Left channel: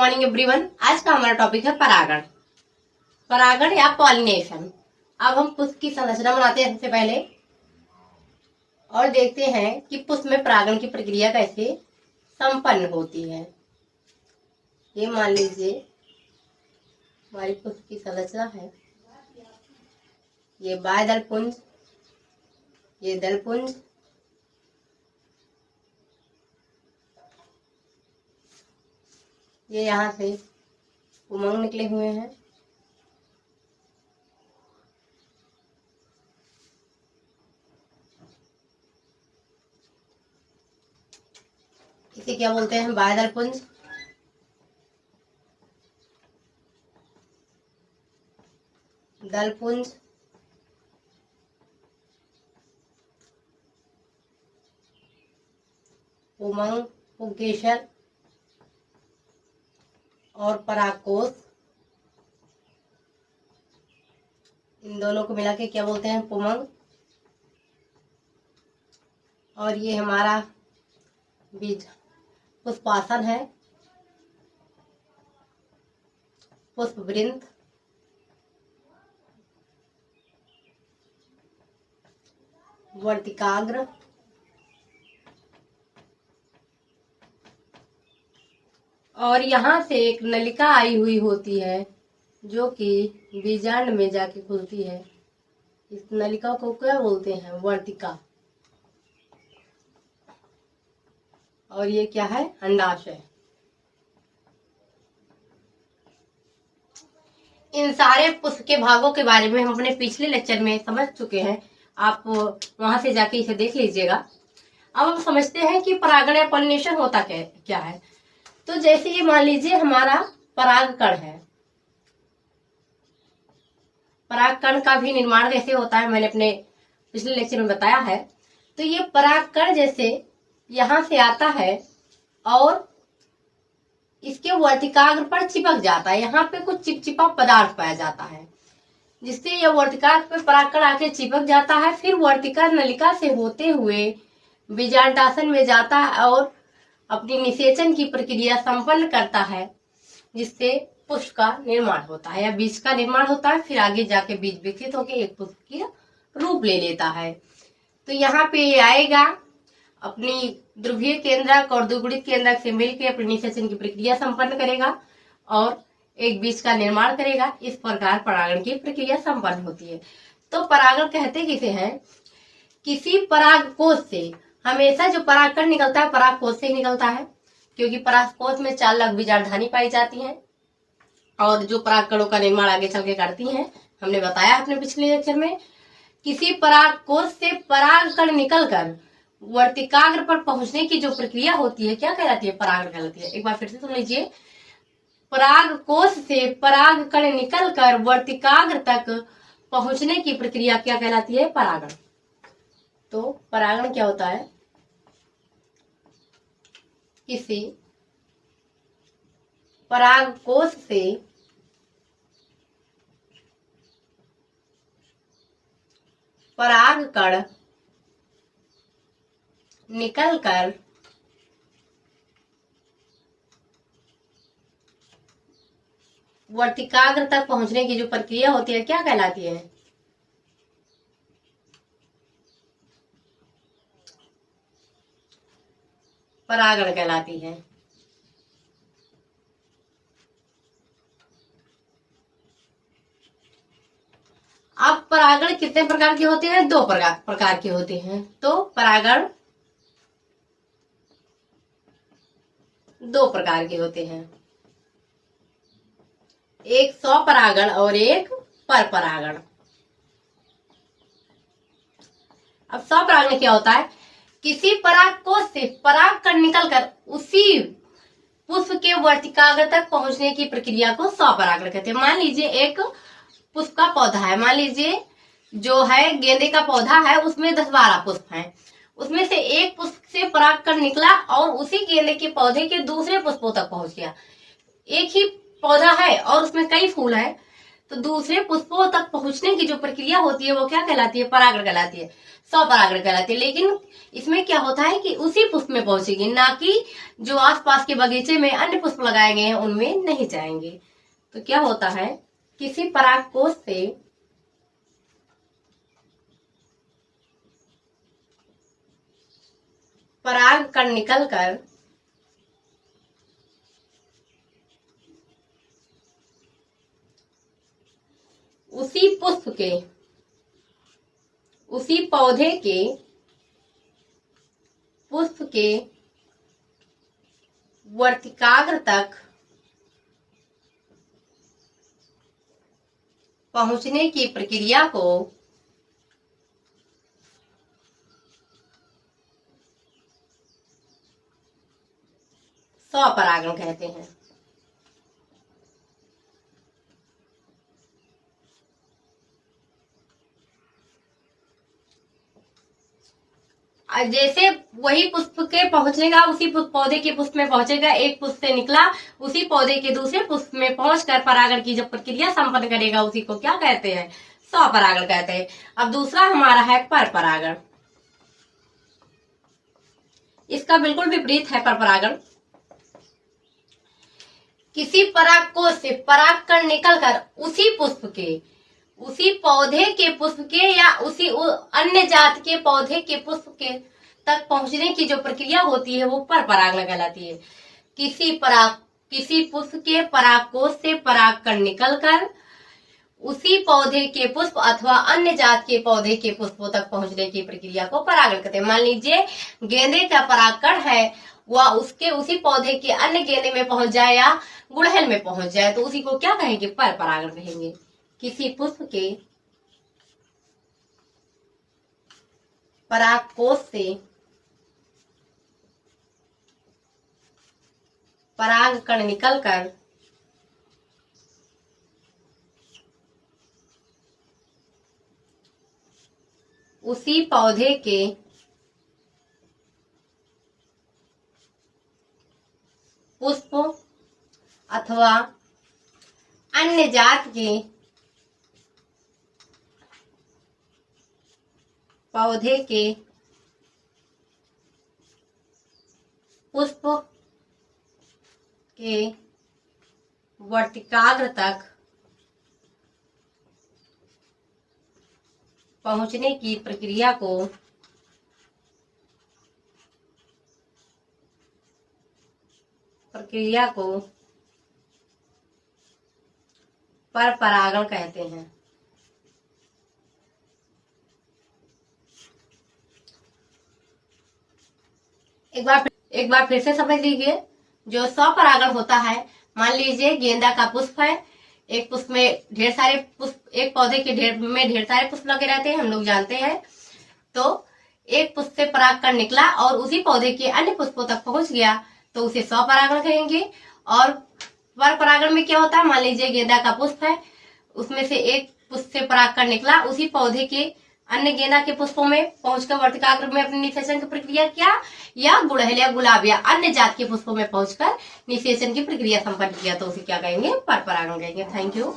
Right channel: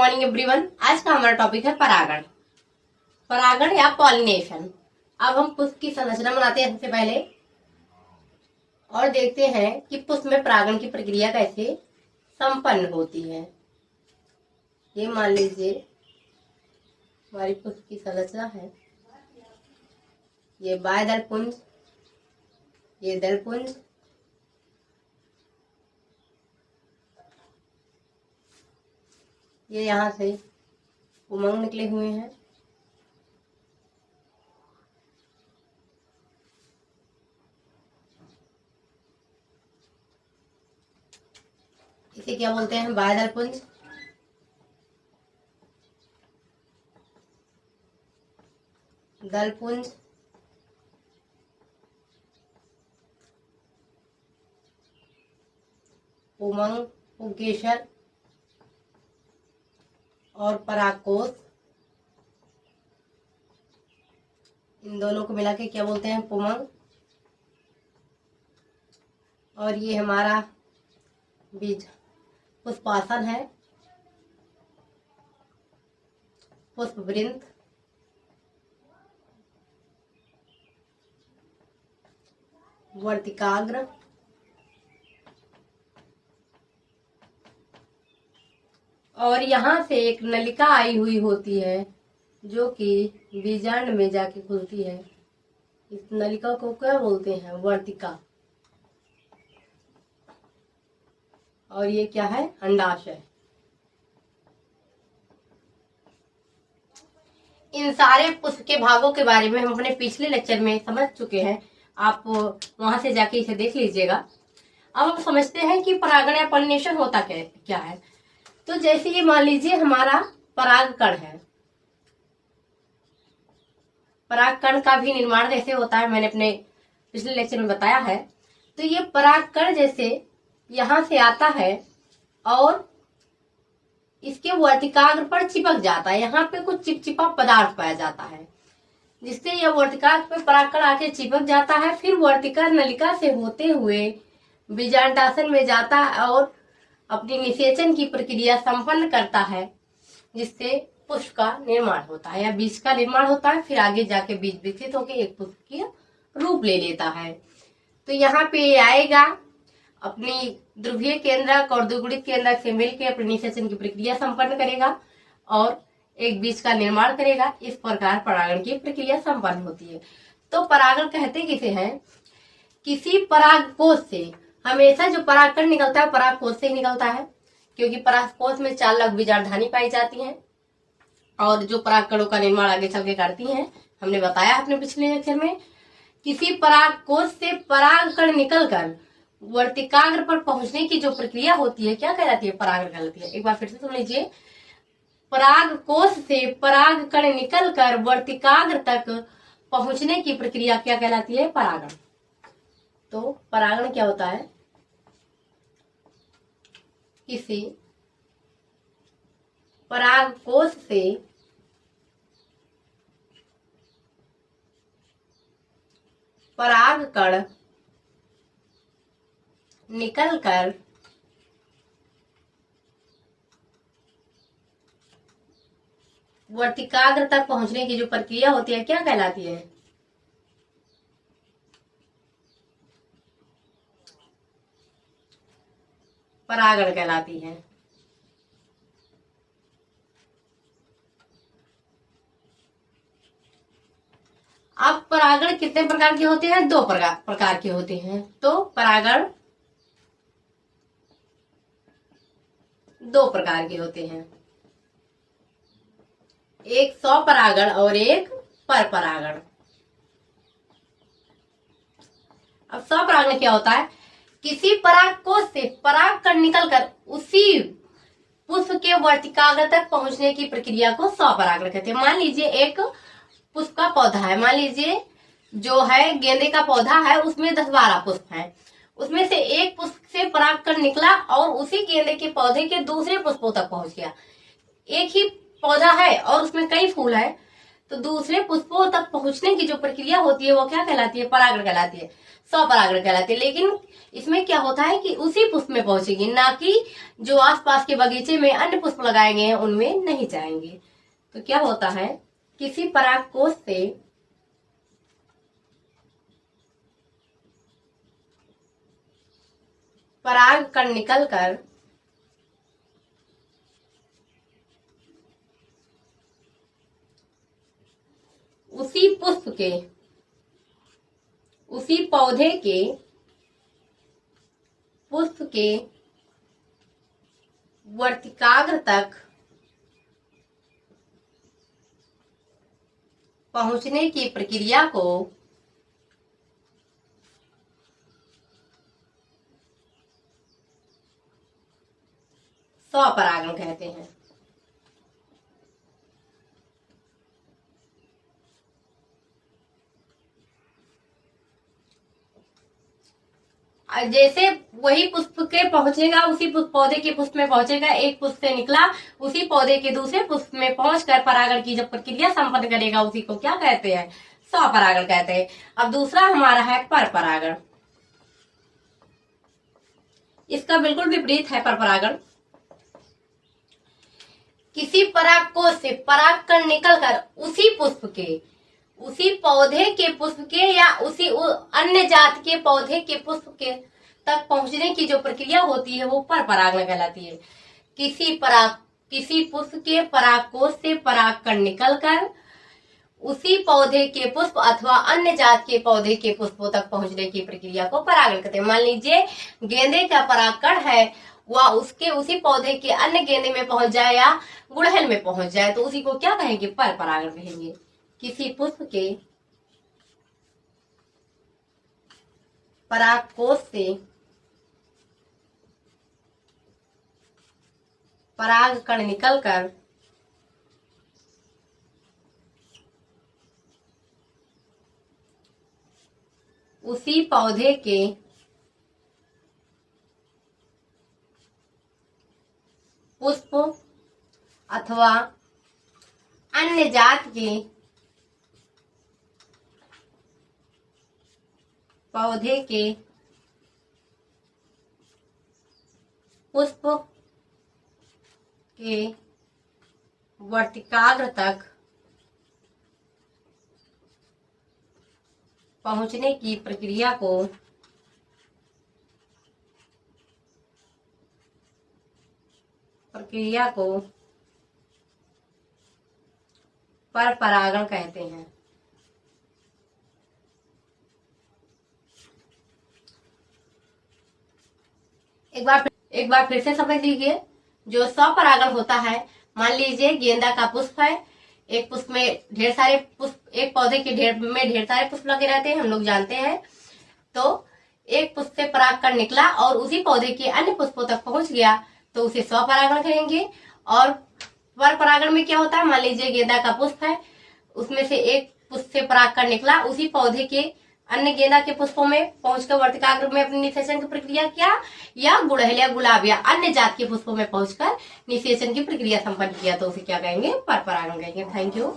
Morning everyone. आज का हमारा टॉपिक है परागण। परागण या पॉलिनेशन। अब हम पुष्प की संरचना बनाते हैं सबसे पहले और देखते हैं कि पुष्प में परागण की प्रक्रिया कैसे संपन्न होती है। ये मान लीजिए हमारी पुष्प की संरचना है। ये बाह्य दलपुंज, ये दलपुंज, ये यहाँ से उमंग निकले हुए हैं। इसे क्या बोलते हैं? बाह्य दलपुंज। दलपुंज, उमंग, पुंकेसर और परागकोश। इन दोनों को मिला के क्या बोलते हैं? पुमंग। और ये हमारा बीज पुष्पासन है, पुष्पवृंत, वर्तिकाग्र, और यहाँ से एक नलिका आई हुई होती है जो कि बीजांड में जाके खुलती है। इस नलिका को क्या बोलते हैं? वर्तिका। और ये क्या है? अंडाशय। इन सारे पुष्प के भागों के बारे में हम अपने पिछले लेक्चर में समझ चुके हैं। आप वहां से जाके इसे देख लीजिएगा। अब हम समझते हैं कि परागण या पॉलिनेशन होता क्या है। तो जैसे ये मान लीजिए हमारा परागकण है। परागकण का भी निर्माण कैसे होता है मैंने अपने पिछले लेक्चर में बताया है। तो ये परागकण जैसे यहां से आता है और इसके वर्तिकाग्र पर चिपक जाता है। यहाँ पे कुछ चिपचिपा पदार्थ पाया जाता है जिससे यह वर्तिकाग्र पे परागकण आके चिपक जाता है। फिर वर्तिका नलिका से होते हुए बीजांडासन में जाता है और अपनी निषेचन की प्रक्रिया संपन्न करता है, जिससे पुष्प का निर्माण होता है या बीज का निर्माण होता है। फिर आगे जाके बीज विकसित होकर एक पुष्प की रूप ले लेता है। तो यहाँ पे आएगा, अपनी ध्रुवीय केंद्रक और द्विगुणित केंद्रक से मिलकर अपनी निषेचन की प्रक्रिया संपन्न करेगा और एक बीज का निर्माण करेगा। इस प्रकार परागण की प्रक्रिया संपन्न होती है। तो परागण कहते किसे हैं? किसी परागकोश से हमेशा जो परागकण निकलता है परागकोश से ही निकलता है, क्योंकि परागकोश में 4 लघु बीजांडधानी पाई जाती हैं और जो परागकणों का निर्माण आगे चल के करती हैं। हमने बताया अपने पिछले लेक्चर में। किसी परागकोश से परागकण निकलकर वर्तिकाग्र पर पहुंचने की जो प्रक्रिया होती है क्या कहलाती है? परागण कहलाती है। एक बार फिर से सुन लीजिए। परागकोश से परागकण निकलकर वर्तिकाग्र तक पहुंचने की प्रक्रिया क्या कहलाती है? परागण। तो परागण क्या होता है? किसी परागकोश से परागकण निकलकर वर्तिकाग्र तक पहुंचने की जो प्रक्रिया होती है क्या कहलाती है? परागण कहलाती है। अब परागण कितने प्रकार के होते हैं? 2 प्रकार के होते हैं। तो परागण 2 प्रकार के होते हैं, एक स्वपरागण और एक परपरागण। अब स्वपरागण क्या होता है? किसी परागकोश से परागकण निकलकर उसी पुष्प के वर्तिकाग्र तक पहुंचने की प्रक्रिया को स्वपरागण कहते हैं। मान लीजिए एक पुष्प का पौधा है, मान लीजिए जो है गेंदे का पौधा है, उसमें 10-12 पुष्प हैं। उसमें से एक पुष्प से परागकण निकला और उसी गेंदे के पौधे के दूसरे पुष्पों तक पहुंच गया। एक ही पौधा है और उसमें कई फूल है, तो दूसरे पुष्पों तक पहुंचने की जो प्रक्रिया होती है वो क्या कहलाती है? परागण कहलाती है, स्वपरागण कहलाती है। लेकिन इसमें क्या होता है कि उसी पुष्प में पहुंचेगी, ना कि जो आसपास के बगीचे में अन्य पुष्प लगाए गए हैं उनमें नहीं जाएंगे। तो क्या होता है, किसी परागकोश से परागकण निकलकर उसी पुष्प के, उसी पौधे के पुष्प के वर्तिकाग्र तक पहुंचने की प्रक्रिया को स्वपरागण कहते हैं। जैसे वही पुष्प के पहुंचेगा, उसी पौधे के पुष्प में पहुंचेगा, एक पुष्प से निकला उसी पौधे के दूसरे पुष्प में पहुंचकर परागण की जब प्रक्रिया संपन्न करेगा उसी को क्या कहते हैं? स्वपरागण कहते हैं। अब दूसरा हमारा है परपरागण। इसका बिल्कुल विपरीत है परपरागण। किसी परागकोश से परागकण निकलकर उसी पुष्प के, उसी पौधे के पुष्प के या उसी अन्य जात के पौधे के पुष्प के तक पहुंचने की जो प्रक्रिया होती है वो परपरागण कहलाती है। किसी पुष्प के परागकोश से परागकण निकलकर उसी पौधे के पुष्प अथवा अन्य जात के पौधे के पुष्पों तक पहुंचने की प्रक्रिया को परागण कहते हैं। मान लीजिए गेंदे का परागकण है, वह उसके उसी पौधे के अन्य गेंदे में पहुंच जाए या गुड़हल में पहुंच जाए तो उसी को क्या कहेंगे? परपरागण कहेंगे। किसी पुष्प के परागकोश से परागकण निकलकर उसी पौधे के पुष्प अथवा अन्य जात के पौधे के पुष्प के वर्तिकाग्र तक पहुंचने की प्रक्रिया को परपरागण कहते हैं। एक बार फिर से समझ लीजिए। जो स्वपरागण होता है, मान लीजिए गेंदा का पुष्प है, एक पुष्प में ढेर सारे पुष्प, एक पौधे के ढेर सारे पुष्प लगे रहते हैं, हम लोग जानते हैं। तो एक पुष्प से परागकण निकला और उसी पौधे के अन्य पुष्पों तक पहुंच गया तो उसे स्वपरागण कहेंगे। और परपरागण में क्या होता है, मान लीजिए गेंदा का पुष्प है, उसमें से एक पुष्प से परागकण निकला, उसी पौधे के अन्य गेंदा के पुष्पों में पहुंचकर वर्तिकाग्र में अपनी निषेचन की प्रक्रिया किया, या गुड़हल या गुलाब या अन्य जात के पुष्पों में पहुंचकर निषेचन की प्रक्रिया संपन्न किया तो उसे क्या कहेंगे? परपरागण कहेंगे। Thank you.